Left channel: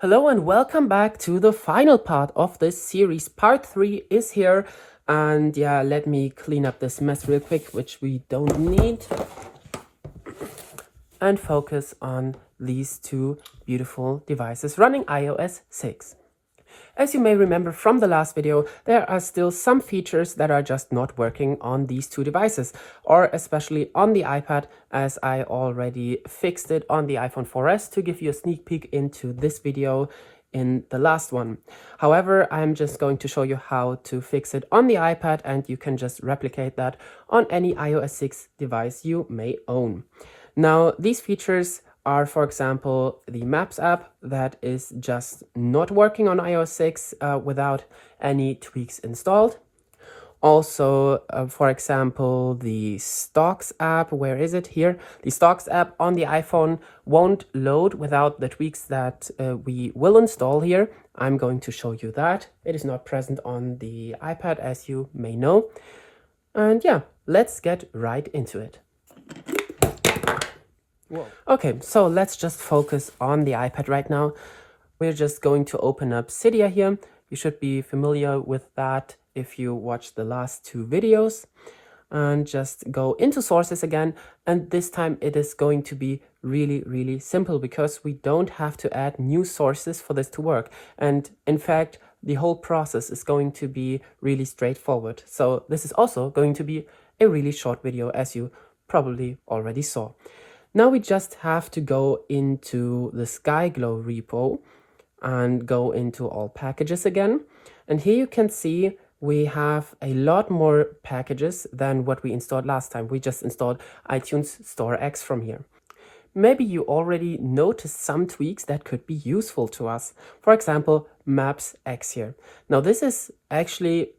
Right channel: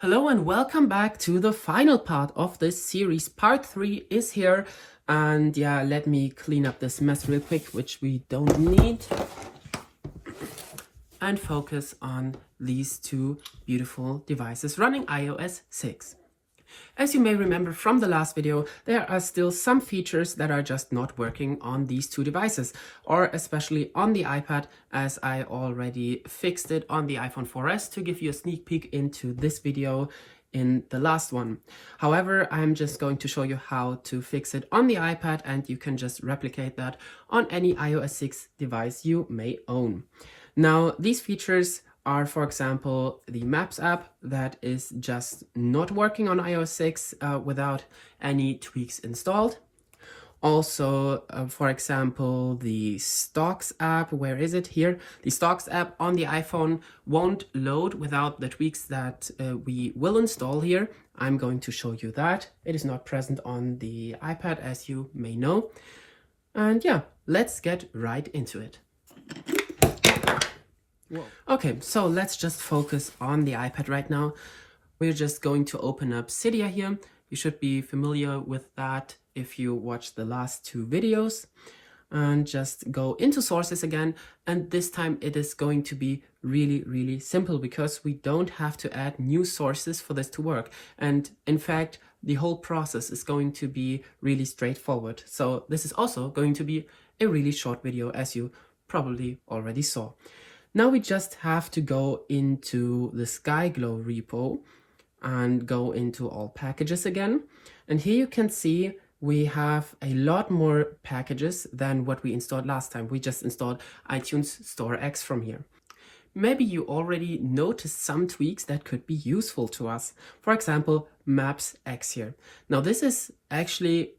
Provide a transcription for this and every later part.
Hello and welcome back to the final part of this series. Part 3 is here. And yeah, let me clean up this mess real quick, which we don't need. And focus on these two beautiful devices running iOS 6. As you may remember from the last video, there are still some features that are just not working on these two devices, or especially on the iPad, as I already fixed it on the iPhone 4S to give you a sneak peek into this video in the last one. However, I'm just going to show you how to fix it on the iPad, and you can just replicate that on any iOS 6 device you may own. Now, these features are, for example, the Maps app that is just not working on iOS 6 without any tweaks installed. Also, for example, the Stocks app, where is it? Here. The Stocks app on the iPhone won't load without the tweaks that we will install here. I'm going to show you that. It is not present on the iPad, as you may know. And yeah, let's get right into it. Whoa. Okay, so let's just focus on the iPad right now. We're just going to open up Cydia here. You should be familiar with that if you watched the last two videos. And just go into sources again. And this time it is going to be really simple because we don't have to add new sources for this to work. And in fact, the whole process is going to be really straightforward. So this is also going to be a really short video, as you probably already saw. Now we just have to go into the SkyGlow repo and go into all packages again. And here you can see we have a lot more packages than what we installed last time. We just installed iTunes Store X from here. Maybe you already noticed some tweaks that could be useful to us. For example, Maps X here. Now this is actually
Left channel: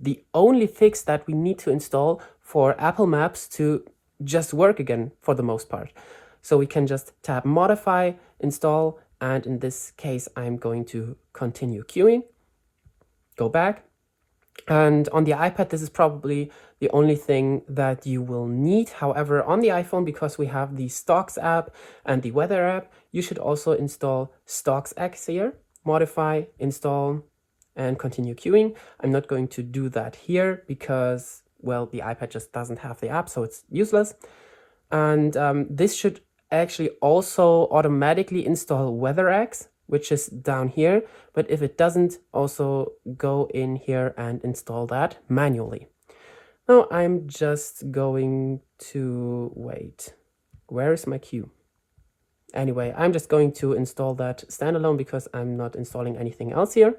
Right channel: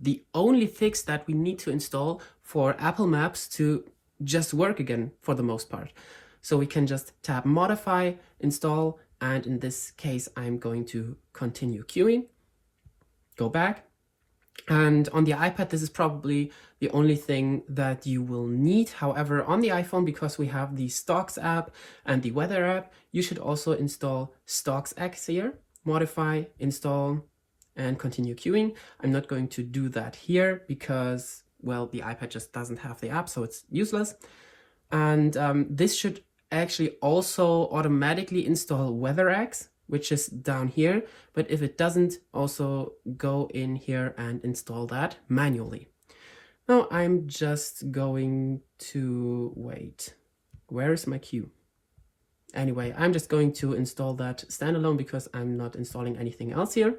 the only fix that we need to install for Apple Maps to just work again for the most part. So we can just tap modify, install, and in this case I'm going to continue queuing, go back. And on the iPad this is probably the only thing that you will need. However, on the iPhone, because we have the Stocks app and the Weather app, you should also install Stocks X here, modify, install, and continue queuing. I'm not going to do that here because, well, the iPad just doesn't have the app, so it's useless. And this should actually also automatically install WeatherX, which is down here. But if it doesn't, also go in here and install that manually. Now I'm just going to wait. Where is my queue? Anyway, I'm just going to install that standalone because I'm not installing anything else here.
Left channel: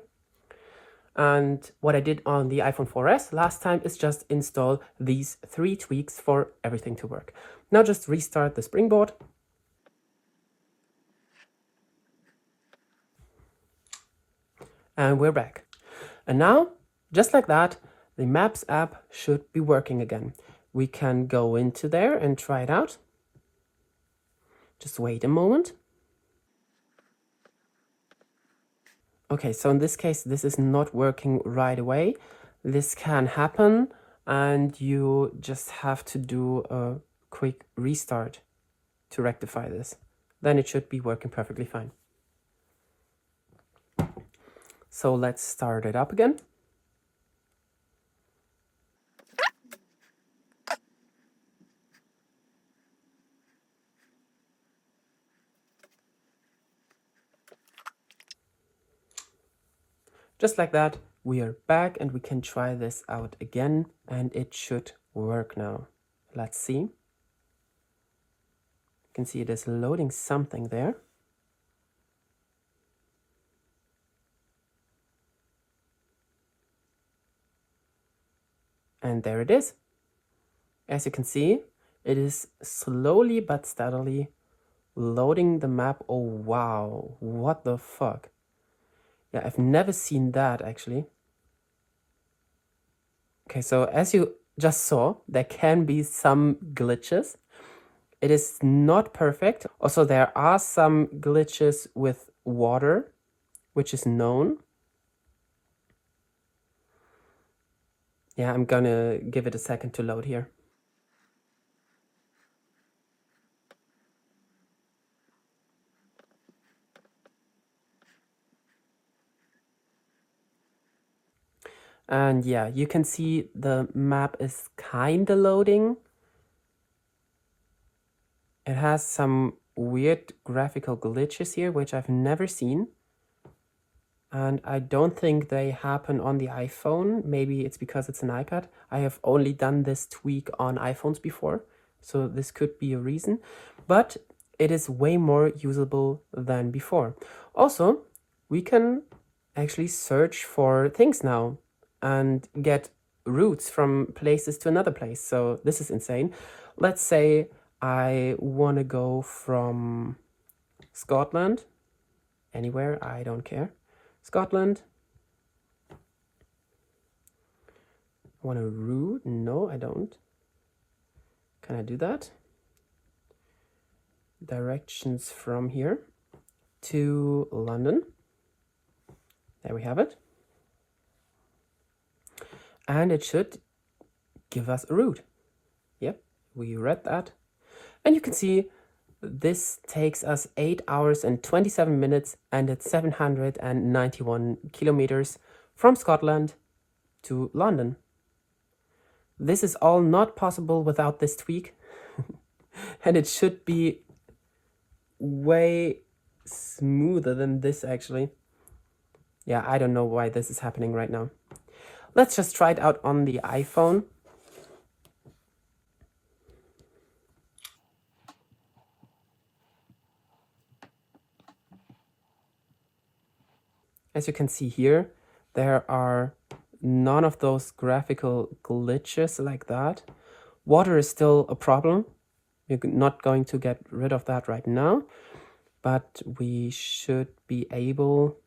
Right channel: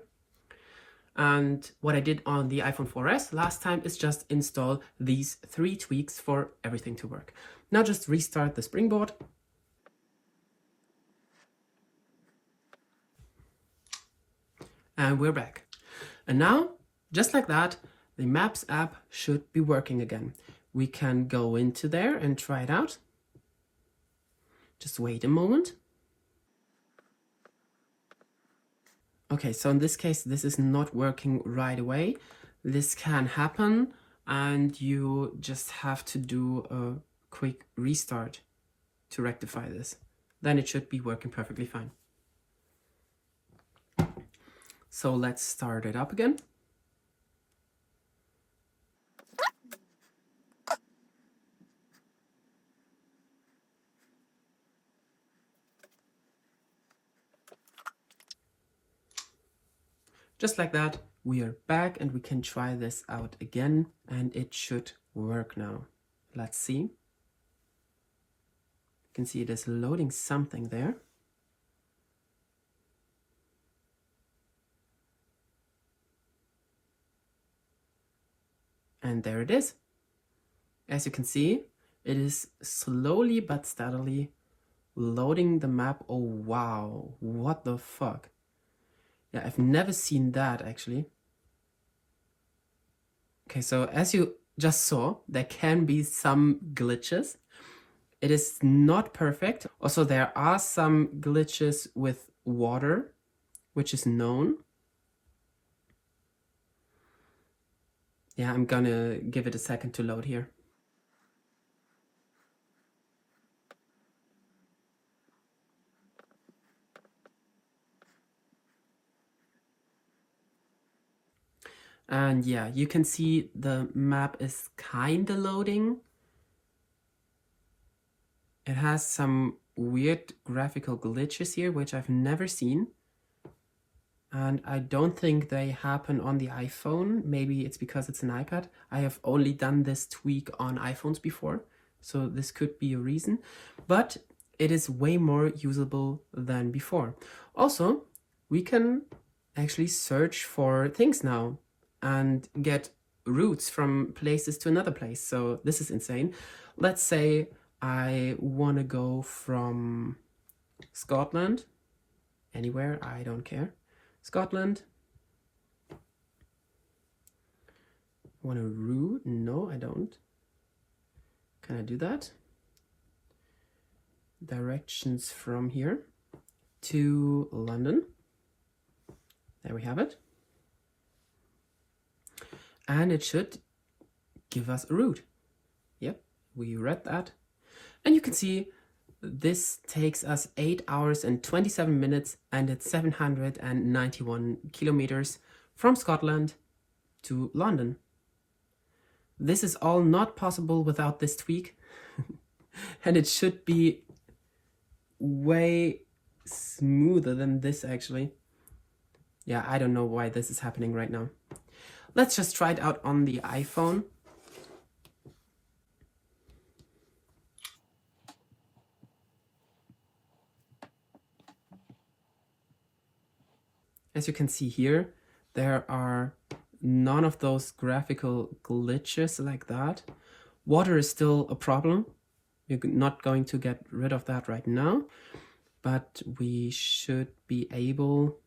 And what I did on the iPhone 4S last time is just install these 3 tweaks for everything to work. Now just restart the Springboard. And we're back. And now, just like that, the Maps app should be working again. We can go into there and try it out. Just wait a moment. Okay, so in this case, this is not working right away. This can happen, and you just have to do a quick restart to rectify this. Then it should be working perfectly fine. So let's start it up again. Just like that, we are back and we can try this out again, and it should work now. Let's see. You can see it is loading something there. And there it is. As you can see, it is slowly but steadily loading the map. Oh, wow. What the fuck? Yeah, I've never seen that actually. Okay, so as you just saw, there can be some glitches. It is not perfect. Also, there are some glitches with water, which is known. Yeah, I'm gonna give it a second to load here. And yeah, you can see the map is kind of loading. It has some weird graphical glitches here, which I've never seen. And I don't think they happen on the iPhone. Maybe it's because it's an iPad. I have only done this tweak on iPhones before, so this could be a reason. But it is way more usable than before. Also, we can actually search for things now and get routes from places to another place. So this is insane. Let's say I want to go from Scotland, anywhere, I don't care. Scotland. Want a route? No, I don't. Can I do that? Directions from here to London. There we have it. And it should give us a route. Yep, we read that. And you can see this takes us 8 hours and 27 minutes, and it's 791 kilometers from Scotland to London. This is all not possible without this tweak. And it should be way smoother than this actually. Yeah, I don't know why this is happening right now. Let's just try it out on the iPhone. As you can see here, there are none of those graphical glitches like that. Water is still a problem. We're not going to get rid of that right now, but we should be able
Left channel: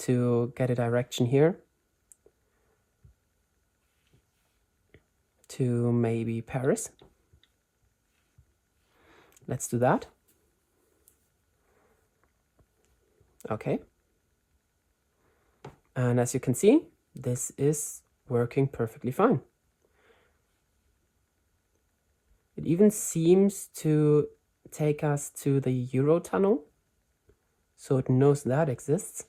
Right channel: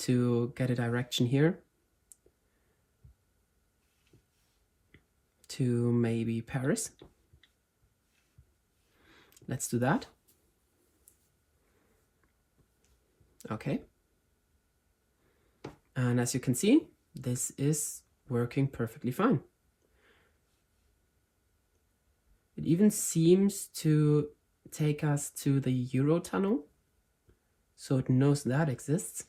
to get a direction here to maybe Paris. Let's do that. Okay. And as you can see, this is working perfectly fine. It even seems to take us to the Eurotunnel, so it knows that exists.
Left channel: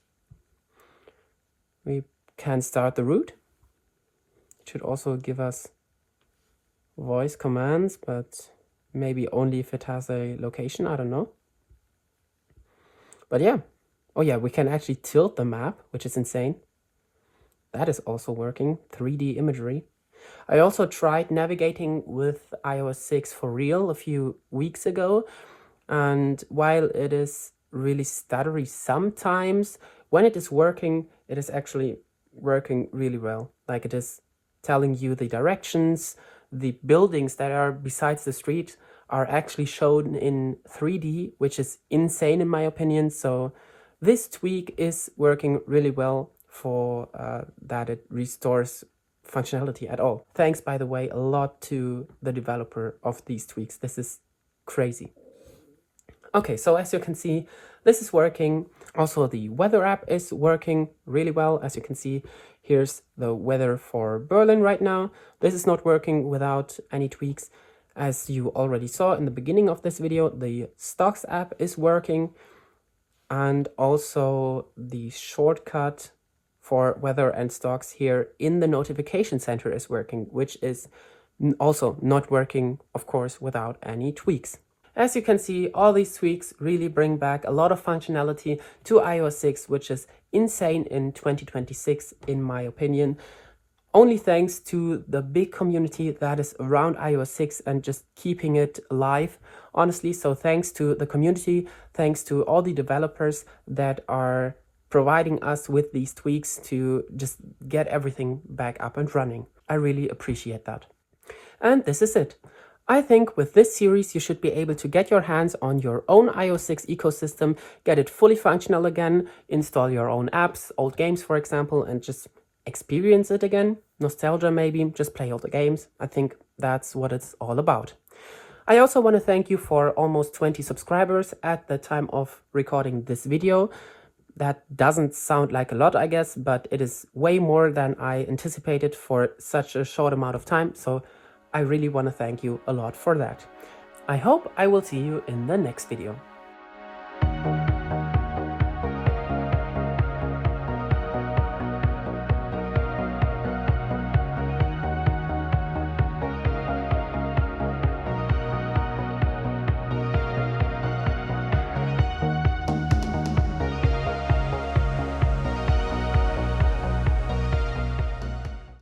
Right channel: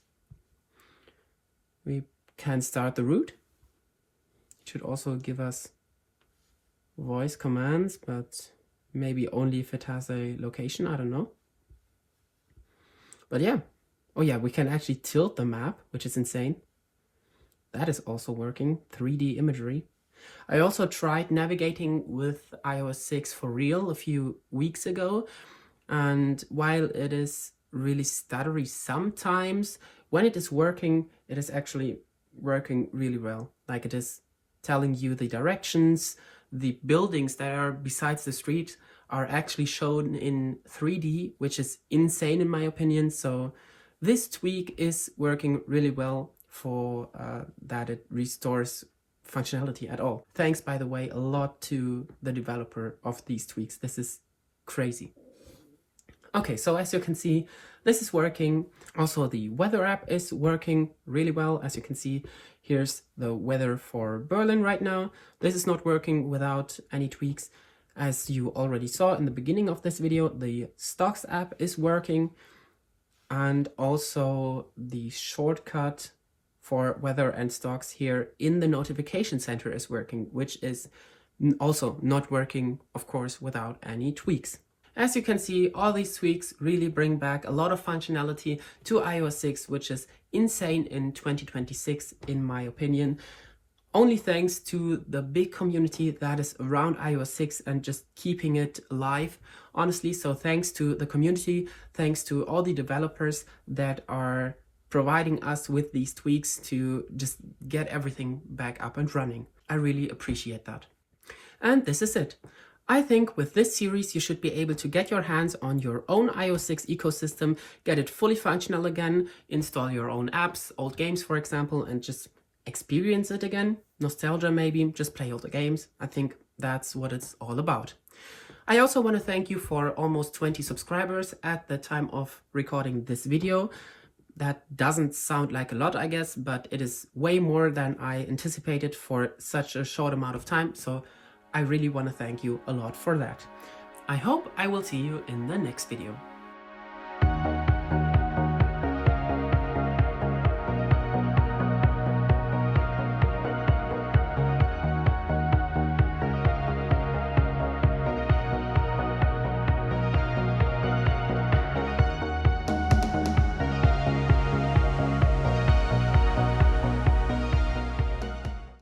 We can start the route. It should also give us voice commands, but maybe only if it has a location, I don't know. But yeah. Oh yeah, we can actually tilt the map, which is insane. That is also working, 3D imagery. I also tried navigating with iOS 6 for real a few weeks ago. And while it is really stuttery sometimes, when it is working, it is actually working really well. Like it is telling you the directions, the buildings that are besides the street are actually shown in 3D, which is insane in my opinion. So this tweak is working really well for that it restores functionality at all. Thanks, by the way, a lot to the developer of these tweaks. This is crazy. Okay, so as you can see, this is working. Also, the weather app is working really well. As you can see, here's the weather for Berlin right now. This is not working without any tweaks. As you already saw in the beginning of this video, the Stocks app is working. And also the shortcut for weather and stocks here in the notification center is working, which is also not working, of course, without any tweaks. As you can see, all these tweaks really bring back a lot of functionality to iOS 6, which is insane in 2026, in my opinion. Only thanks to the big community that is around iOS 6 and just keeping it alive, honestly. So thanks to the community, thanks to all the developers that are providing us with these tweaks to just get everything back up and running. I really appreciate that. And this is it. I think with this series, you should be able to get your hands on your own iOS 6 ecosystem, get it fully functional again, install your own apps, old games, for example, and just experience it again. Nostalgia maybe, just play all the games. I think that's what it's all about. I also want to thank you for almost 20 subscribers at the time of recording this video. That doesn't sound like a lot, I guess, but it is way more than I anticipated for such a short amount of time. So I really want to thank you a lot for that. I hope I will see you in the next video.